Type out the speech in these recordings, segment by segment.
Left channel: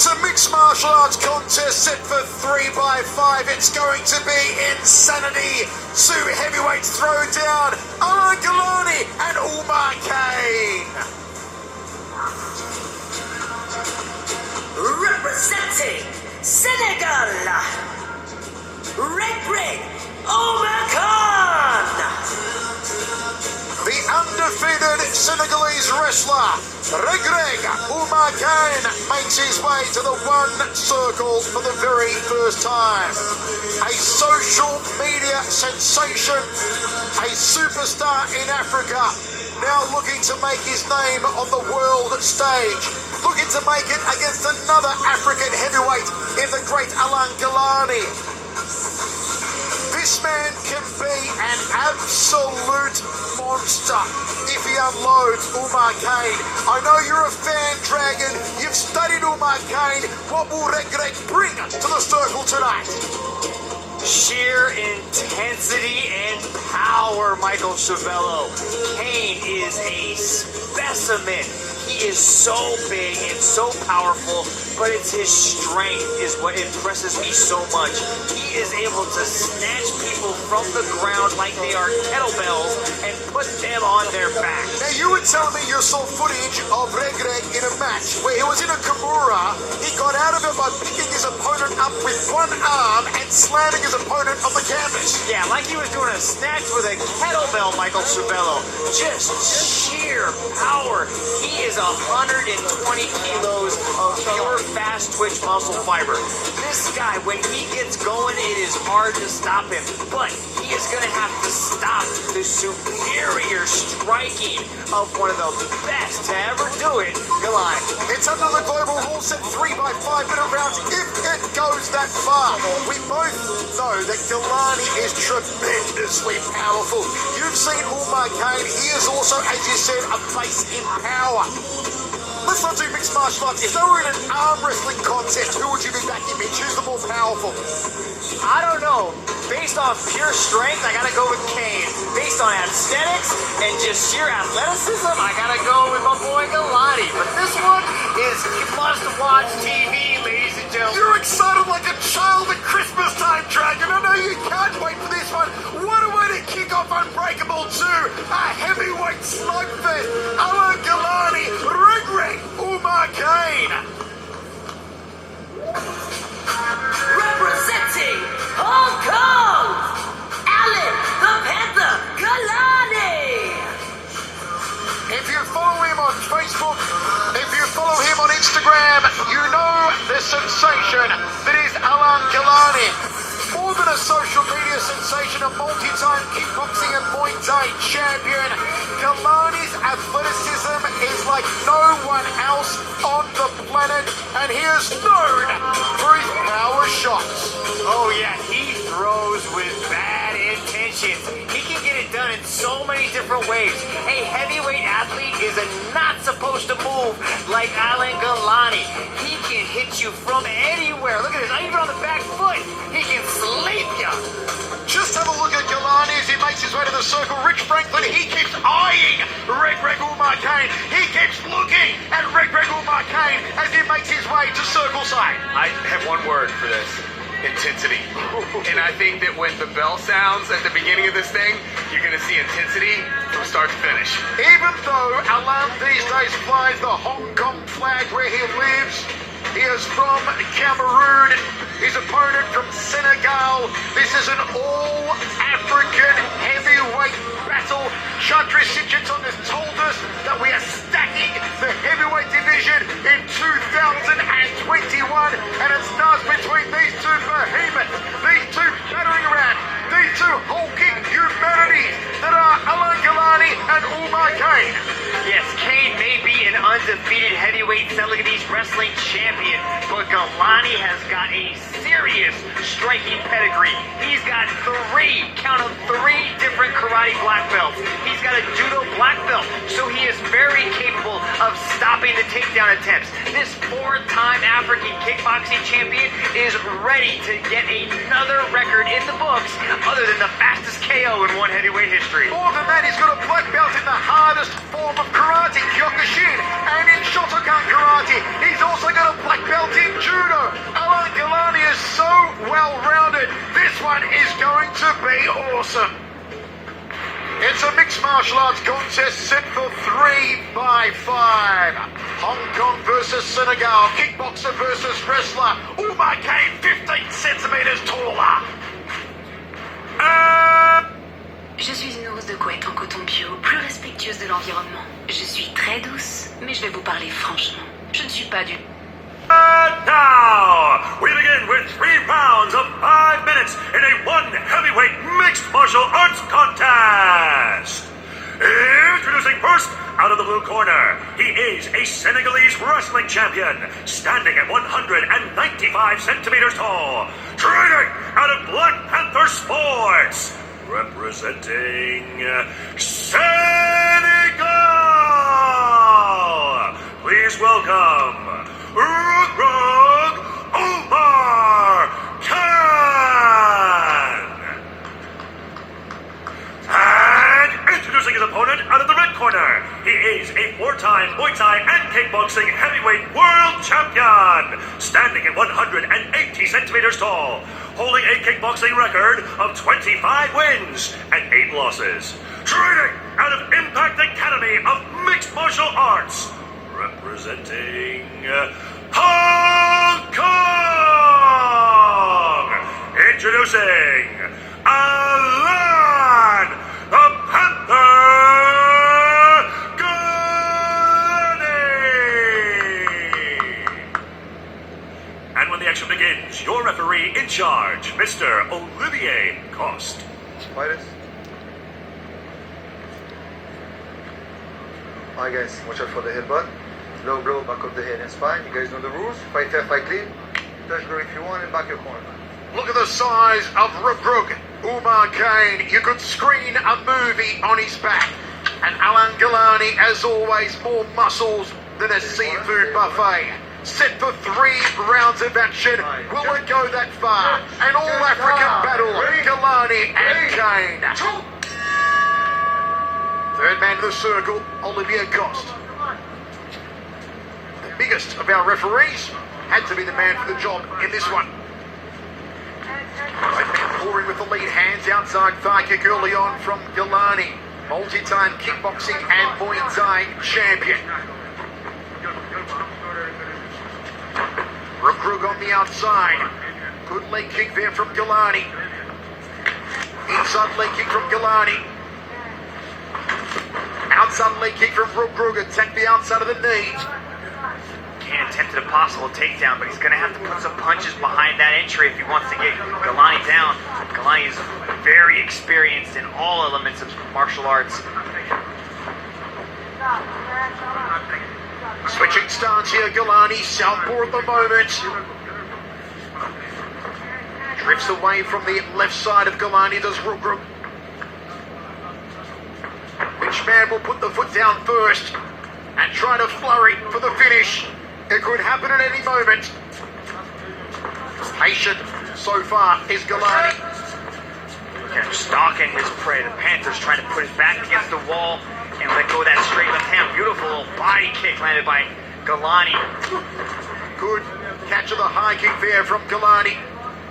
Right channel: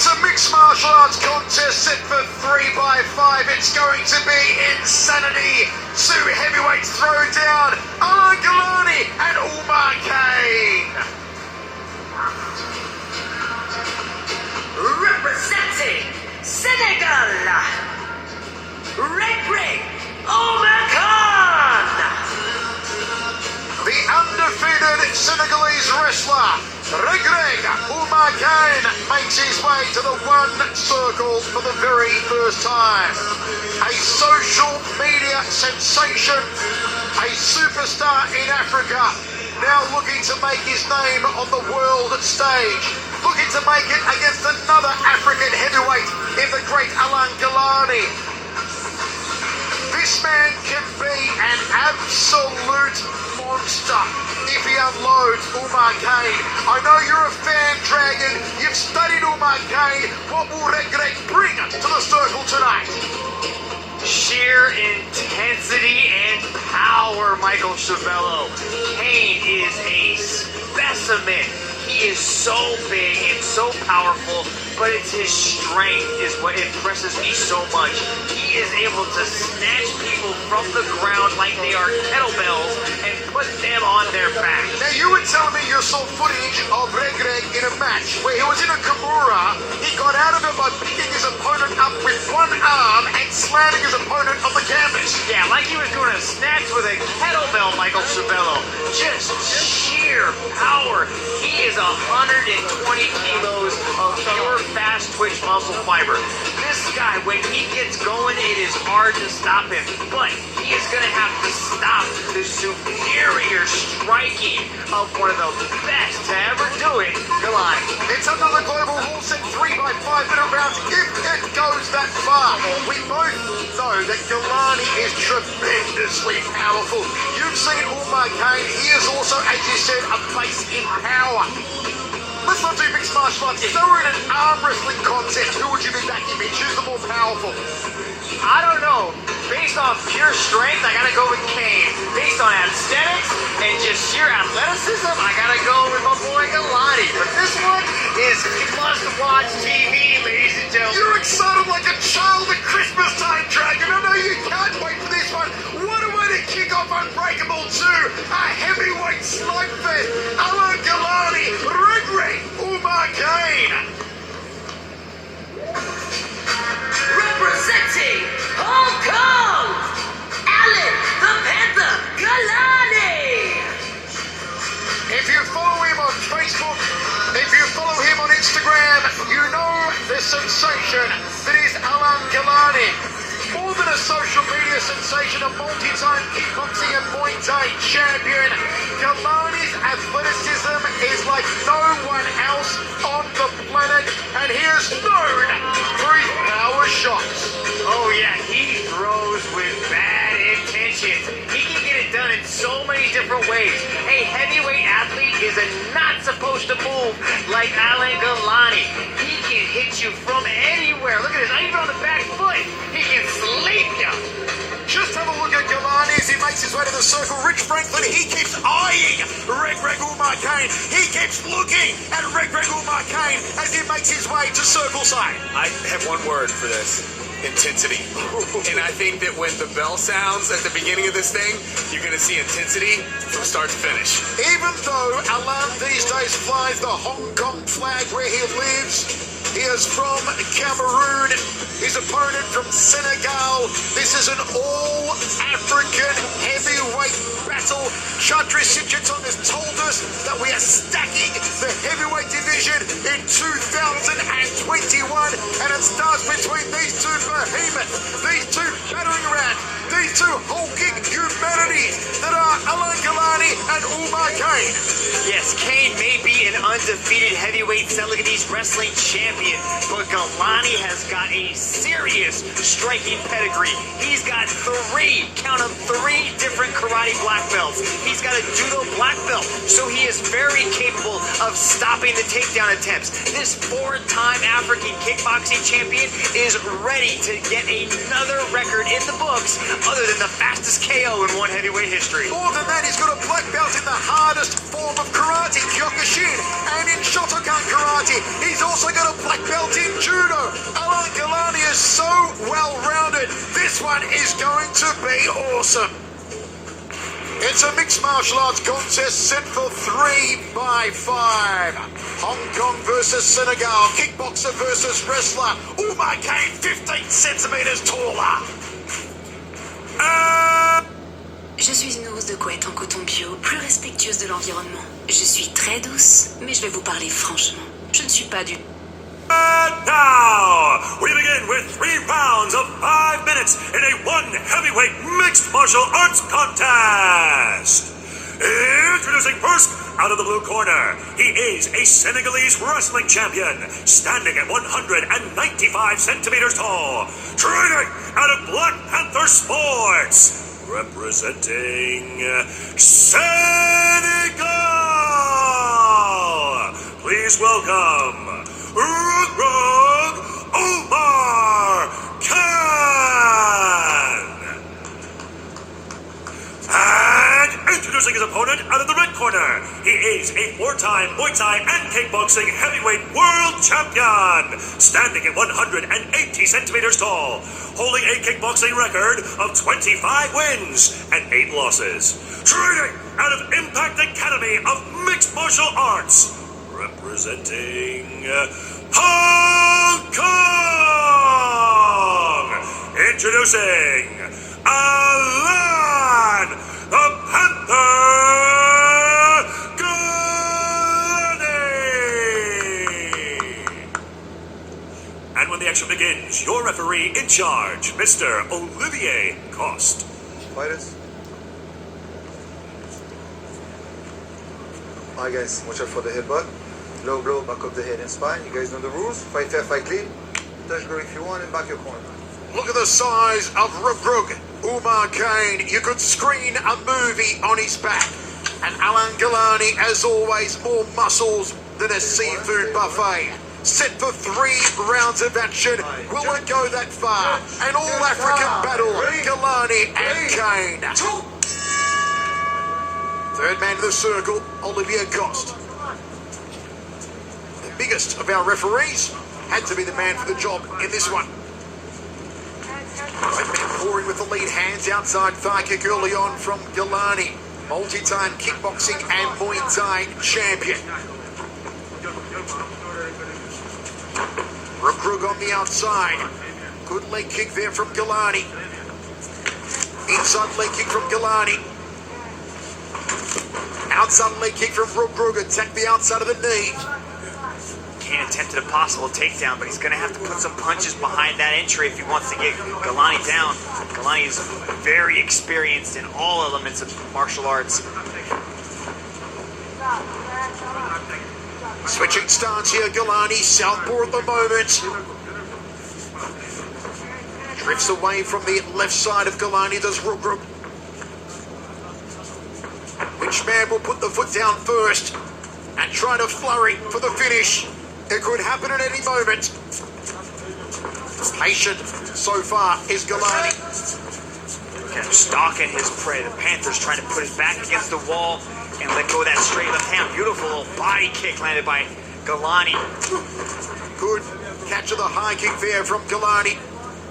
It's a mixed martial arts contest set for 3x5. It's going to be insanity. Two heavyweights throw down. Ngalani and Umar Kane. Representing Senegal, Reug Reug, The undefeated Senegalese wrestler, Reug Reug Umar Kane, makes his way to the one circle for the very first time. A social media sensation, a superstar in Africa, now looking to make his name on the world stage, looking to make it against another African heavyweight in the great Ngalani. This man can be an absolute monster if he unloads Umar Kane. I know you're a fan, Dragon. You've studied Umar Kane. What will Reug Reug bring to the circle tonight? Sheer intensity and power, Michael Chavello. Kane is a specimen. He is so big and so powerful, but it's his strength is what impresses me so much. He is able to snatch people from the ground like they are kettlebells and put them on their back. Now, you were telling me you saw footage of Reug Reug in a match where he was in a Kimura. He got out of it by picking his opponent up with one arm and slamming his opponent on the canvas. Yeah, like he was doing a snatch with a kettlebell, Michael Chavello. Just sheer power. He is 120 kilos of pure fast twitch muscle fiber. This guy, when he gets going, it is hard to stop him. But he is going to have to stop the superior striking of one of the best to ever do it, Ngalani. It's another global rule set 3x5 minute rounds if it goes that far. We both know that Ngalani is tremendously powerful. You've seen Umar Kane. He is also, as you said, a face in power. Let's not do mixed martial arts. If they were in an arm wrestling contest, who would you be backing? Choose the more powerful. I don't know. Based on pure strength, I gotta go with Kane. Based on aesthetics and just sheer athleticism, I gotta go with my boy Ngalani. But this one is must-watch TV, ladies and gentlemen. You're excited like a child at Christmas time, Dragon. I know you can't wait for this one. What a way to kick off Unbreakable 2, a heavyweight slugfest. Ngalani, Reug Reug, Umar Kane. representing Hong Kong, Alan the Panther Ngalani. If you follow him on Facebook, if you follow him on Instagram, you know the sensation that is Ngalani. More than a social media sensation, a multi-time kickboxing and Muay Thai champion, Ngalani's athleticism is like no one else on the planet, and he is known for his power shots. Oh yeah, he throws with bad intentions. He can get it done in so many different ways. A heavyweight athlete is not supposed to move like Ngalani. He can hit you from anywhere. Look at this, not even on the back foot. He can sleep you. Just have a look at Ngalani as he makes his way to the circle. Rich Franklin, he keeps eyeing Reug Reug Umar Kane. He keeps looking at Reug Reug Umar Kane as he makes his way to circle side. I have one word for this: intensity. And I think that when the bell sounds at the beginning of this thing, you're going to see intensity from start to finish. Even though Alam these days flies the Hong Kong flag where he lives, he is from Cameroon. His opponent from Senegal. This is an all-African heavyweight battle. Chandra Sitchinson has told us that we are stacking the heavyweight division in 2021, and it starts between these two behemoths, these two battering rams, these two hulking humanities that are Ngalani and Umar Kane. Yes, Kane may be an undefeated heavyweight Senegalese wrestling champion, but Ngalani has got a serious striking pedigree. He's got count them, three different karate black belts. He's got a judo black belt, so he is very capable of stopping the takedown attempts. This four-time African kickboxing champion is ready to get another record in the books other than the fastest KO in one heavyweight history. More than that, he's got a black belt in the hardest form of karate, Kyokushin, and in Shotokan karate. He's also got a a black belt in judo. Ngalani is so well-rounded. This one is going to be awesome. It's a mixed martial arts contest set for 3 by 5. Hong Kong versus Senegal. Kickboxer versus wrestler. Umar Kane 15 centimeters taller. Je suis une ours de couette en coton bio, plus respectueuse de l'environnement. Je suis très douce, mais je vais vous parler franchement. Je ne suis pas du... And now, we begin with 3 rounds of 5 minutes in a 1 heavyweight mixed martial arts contest. Introducing first, out of the blue corner, he is a Senegalese wrestling champion, standing at 195 centimeters tall, training out of Black Panther Sports, representing Senegal. Please welcome Reug Reug Omar Khan. And introducing his opponent out of the red corner, he is a 4-time Muay Thai and kickboxing heavyweight world champion, standing at 180 centimeters tall, holding a kickboxing record of 25 wins and 8 losses, training out of Impact Academy of Mixed Martial Arts, representing Hong Kong. Introducing Alan the Panther Ngalani. And when the action begins, your referee in charge, Mr. Olivier Coste. Fighters. Alright guys, watch out for the headbutt. Low blow, back of the head and spine. You guys know the rules. Fight fair, fight clean. Touch go if you want and back your corner. Look at the size of Reug Reug. Umar Kane, you could screen a movie on his back. And Ngalani, as always, more muscles than a seafood buffet. Set for 3 rounds of action. Will it go that far? An all-African battle, Ngalani and Kane. Third man to the circle, Olivier Coste. The biggest of our referees had to be the man for the job in this one. Both men pouring with the lead, hands outside, thigh kick early on from Ngalani. Multi-time kickboxing and Muay Thai champion. Reug Reug on the outside. Good leg kick there from Ngalani. Inside leg kick from Ngalani. Outside leg kick from Reug Reug. Attack the outside of the knee. Kane attempted a possible takedown, but he's going to have to put some punches behind that entry if he wants to get Ngalani down. Ngalani is very experienced in all elements of martial arts. Switching stance here, Ngalani, southpaw at the moment. Drifts away from the left side of Ngalani, does Reug Reug. Which man will put the foot down first and try to flurry for the finish? It could happen at any moment. Patient so far is Ngalani. Kind of stalking his prey. The Panther's trying to put his back against the wall and let go of that straight left hand. Beautiful little body kick landed by Ngalani. Good catch of the high kick there from Ngalani.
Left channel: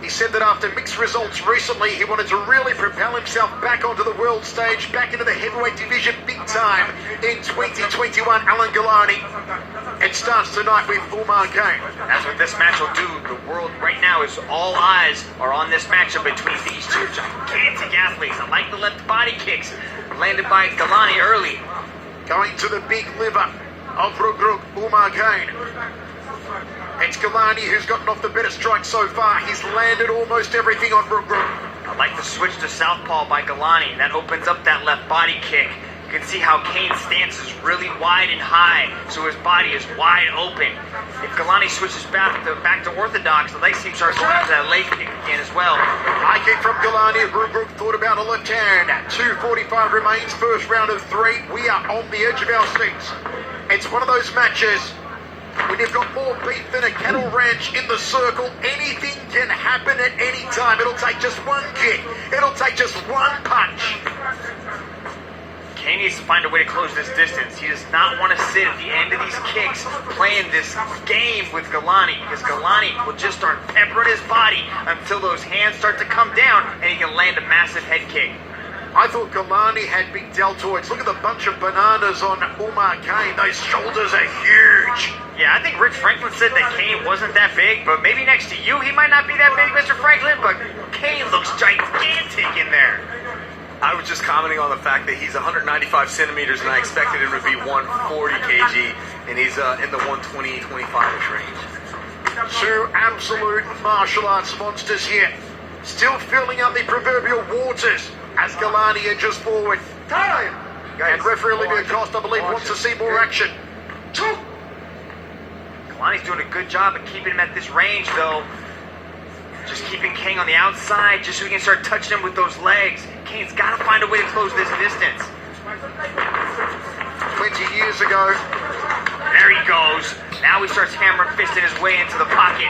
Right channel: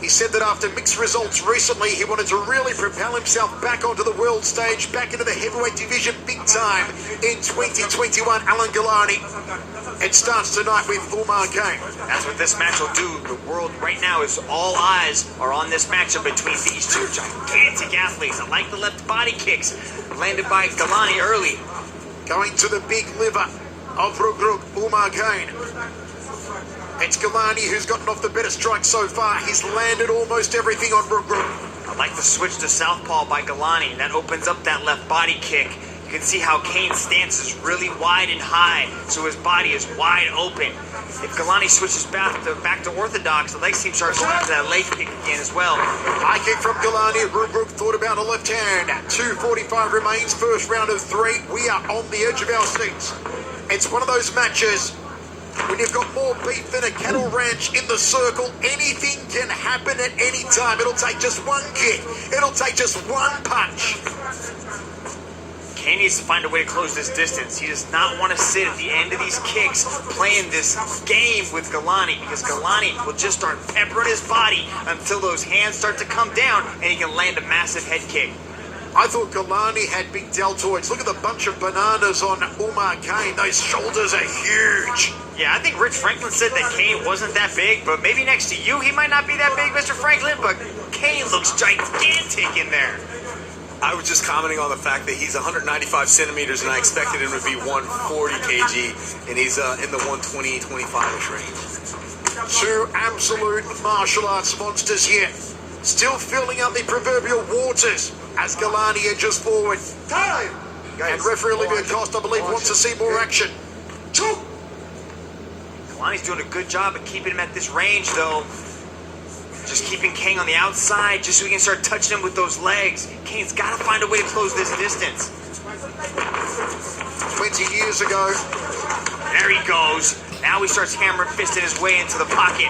He said that after mixed results recently, he wanted to really propel himself back onto the world stage, back into the heavyweight division big time in 2021. Ngalani. It starts tonight with Umar Kane. That's what this match will do. The world right now is all eyes are on this matchup between these two gigantic athletes. I like the left body kicks landed by Ngalani early. Going to the big liver of Reug Reug, Umar Kane. It's Ngalani who's gotten off the better strike so far. He's landed almost everything on Reug Reug. I like the switch to southpaw by Ngalani. That opens up that left body kick. You can see how Kane's stance is really wide and high, so his body is wide open. If Ngalani switches back to orthodox, the leg seems to start going into that leg kick again as well. High kick from Ngalani. Reug Reug thought about a left hand. 2:45 remains, first round of 3. We are on the edge of our seats. It's one of those matches when you've got more beef than a cattle ranch in the circle. Anything can happen at any time. It'll take just one kick. It'll take just one punch. Kane needs to find a way to close this distance. He does not want to sit at the end of these kicks playing this game with Ngalani, because Ngalani will just start peppering his body until those hands start to come down and he can land a massive head kick. I thought Ngalani had big deltoids. Look at the bunch of bananas on Umar Kane. Those shoulders are huge. Yeah, I think Rich Franklin said that Kane wasn't that big, but maybe next to you he might not be that big, Mr. Franklin, but Kane looks gigantic in there. I was just commenting on the fact that he's 195 centimeters, and I expected him to be 140 kg, and he's in the 120, 25-ish range. Two absolute martial arts monsters here. Still filling out the proverbial waters as Ngalani edges forward. Time! And referee Olivia Costa, I believe, wants to see more action. Two. Ngalani's doing a good job of keeping him at this range, though. Just keeping Kane on the outside, just so we can start touching him with those legs. Kane's got to find a way to close this distance. 20 years ago. There he goes. Now he starts hammer fisting his way into the pocket.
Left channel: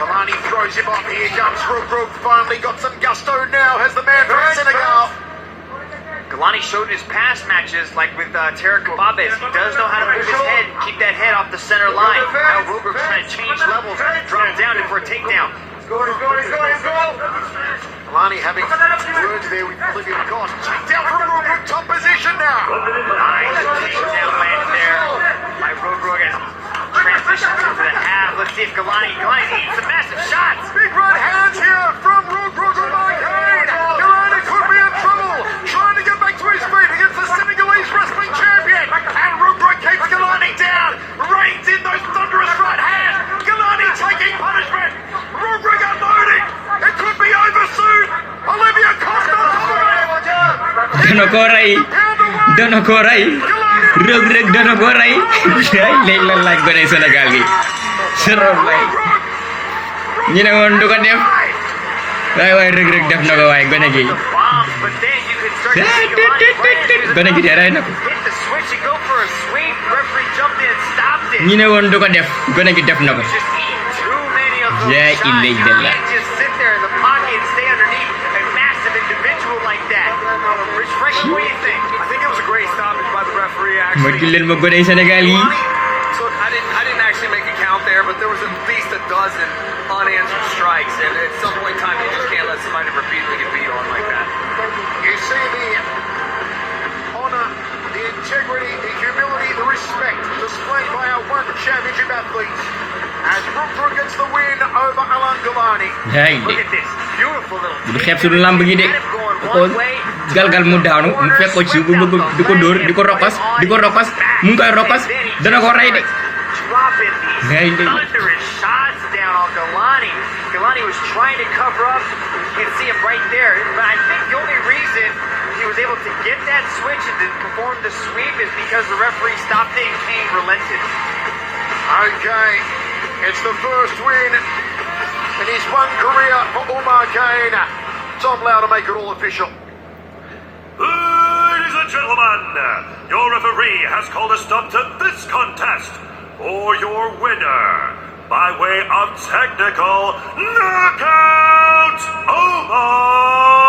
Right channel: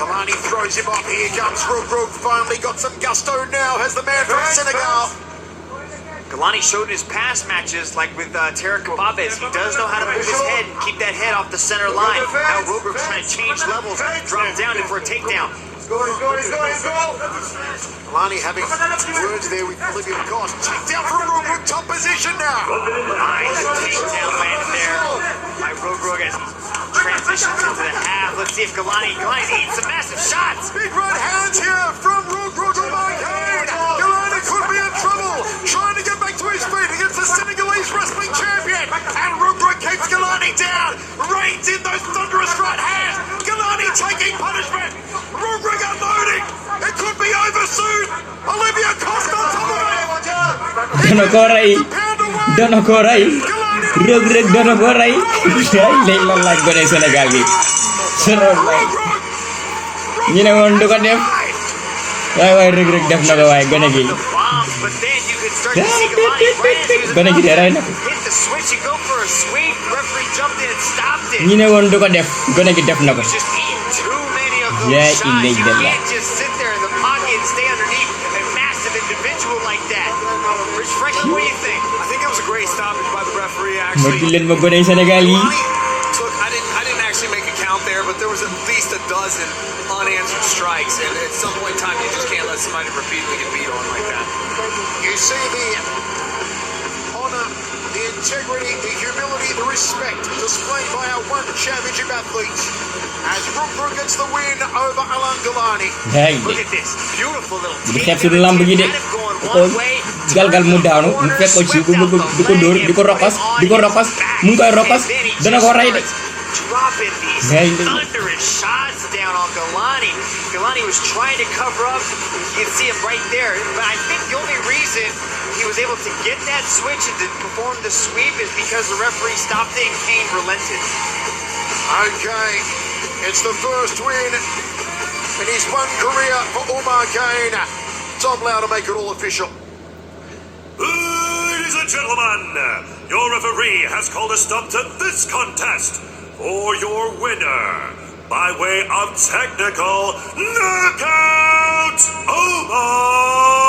Ngalani throws him up. Here comes Reug Reug. Finally got some gusto now. Has the man from Senegal. Ngalani showed in his past matches, like with Tara Kababes, he does know how to move his head and keep that head off the center line. Now Reug Reug's trying to change levels, drop down in for a takedown. He's going. Ngalani having words there with Olivia Costa. Takedown from Reug Reug. Top position now. Nice takedown landed there by Reug Reug as he transitions into the half. Let's see if Ngalani's eating some massive shots. Big right hands here from Reug Reug on Kane. Ngalani could be in trouble. Trying to get back to his feet against the Senegalese wrestling champion. And Reug Reug keeps Ngalani down. Reigns in those thunderous right hands. Ngalani taking punishment. Reug Reug unloading. It could be over soon. Olivia Costa on top of it. Dono koray Reug Reug dono koray lay la laaj gone Sénégal gi sero lay ñu ne woon du ko def waay Reug Reug def na ko waay gone gi gone gi de ray na ko ñu ne woon du ko def gone gi def na ko yaa illallah. What do you think? I think it was a great stoppage by the referee, actually. Magil leen ma gone Sénégal yi. So I didn't actually make a count there, but there was at least a dozen unanswered strikes, and at some point in time, you just can't let somebody repeatedly get beat on like that. You see the honor, the integrity, the humility, the respect displayed by our one championship athletes as Reug Reug gets the win over Ngalani. Hey, Look at this beautiful little bu xeeb suñu lamb gi de ko galgal mu daanu mu fekk ko ci bu bëgg diko door diko rokas mu ngi koy rokas dana ko ray de. Dropping these thunderous shots down on Ngalani. Ngalani was trying to cover up. You can see him right there. But I think the only reason he was able to get that switch and to perform the sweep is because the referee stopped it and Kane relented. Okay, it's the first win in his one career for Umar Kane. Tom Lau to make it all official. Ladies and gentlemen, your referee has called a stop to this contest for your winner by way of technical knockout, Omar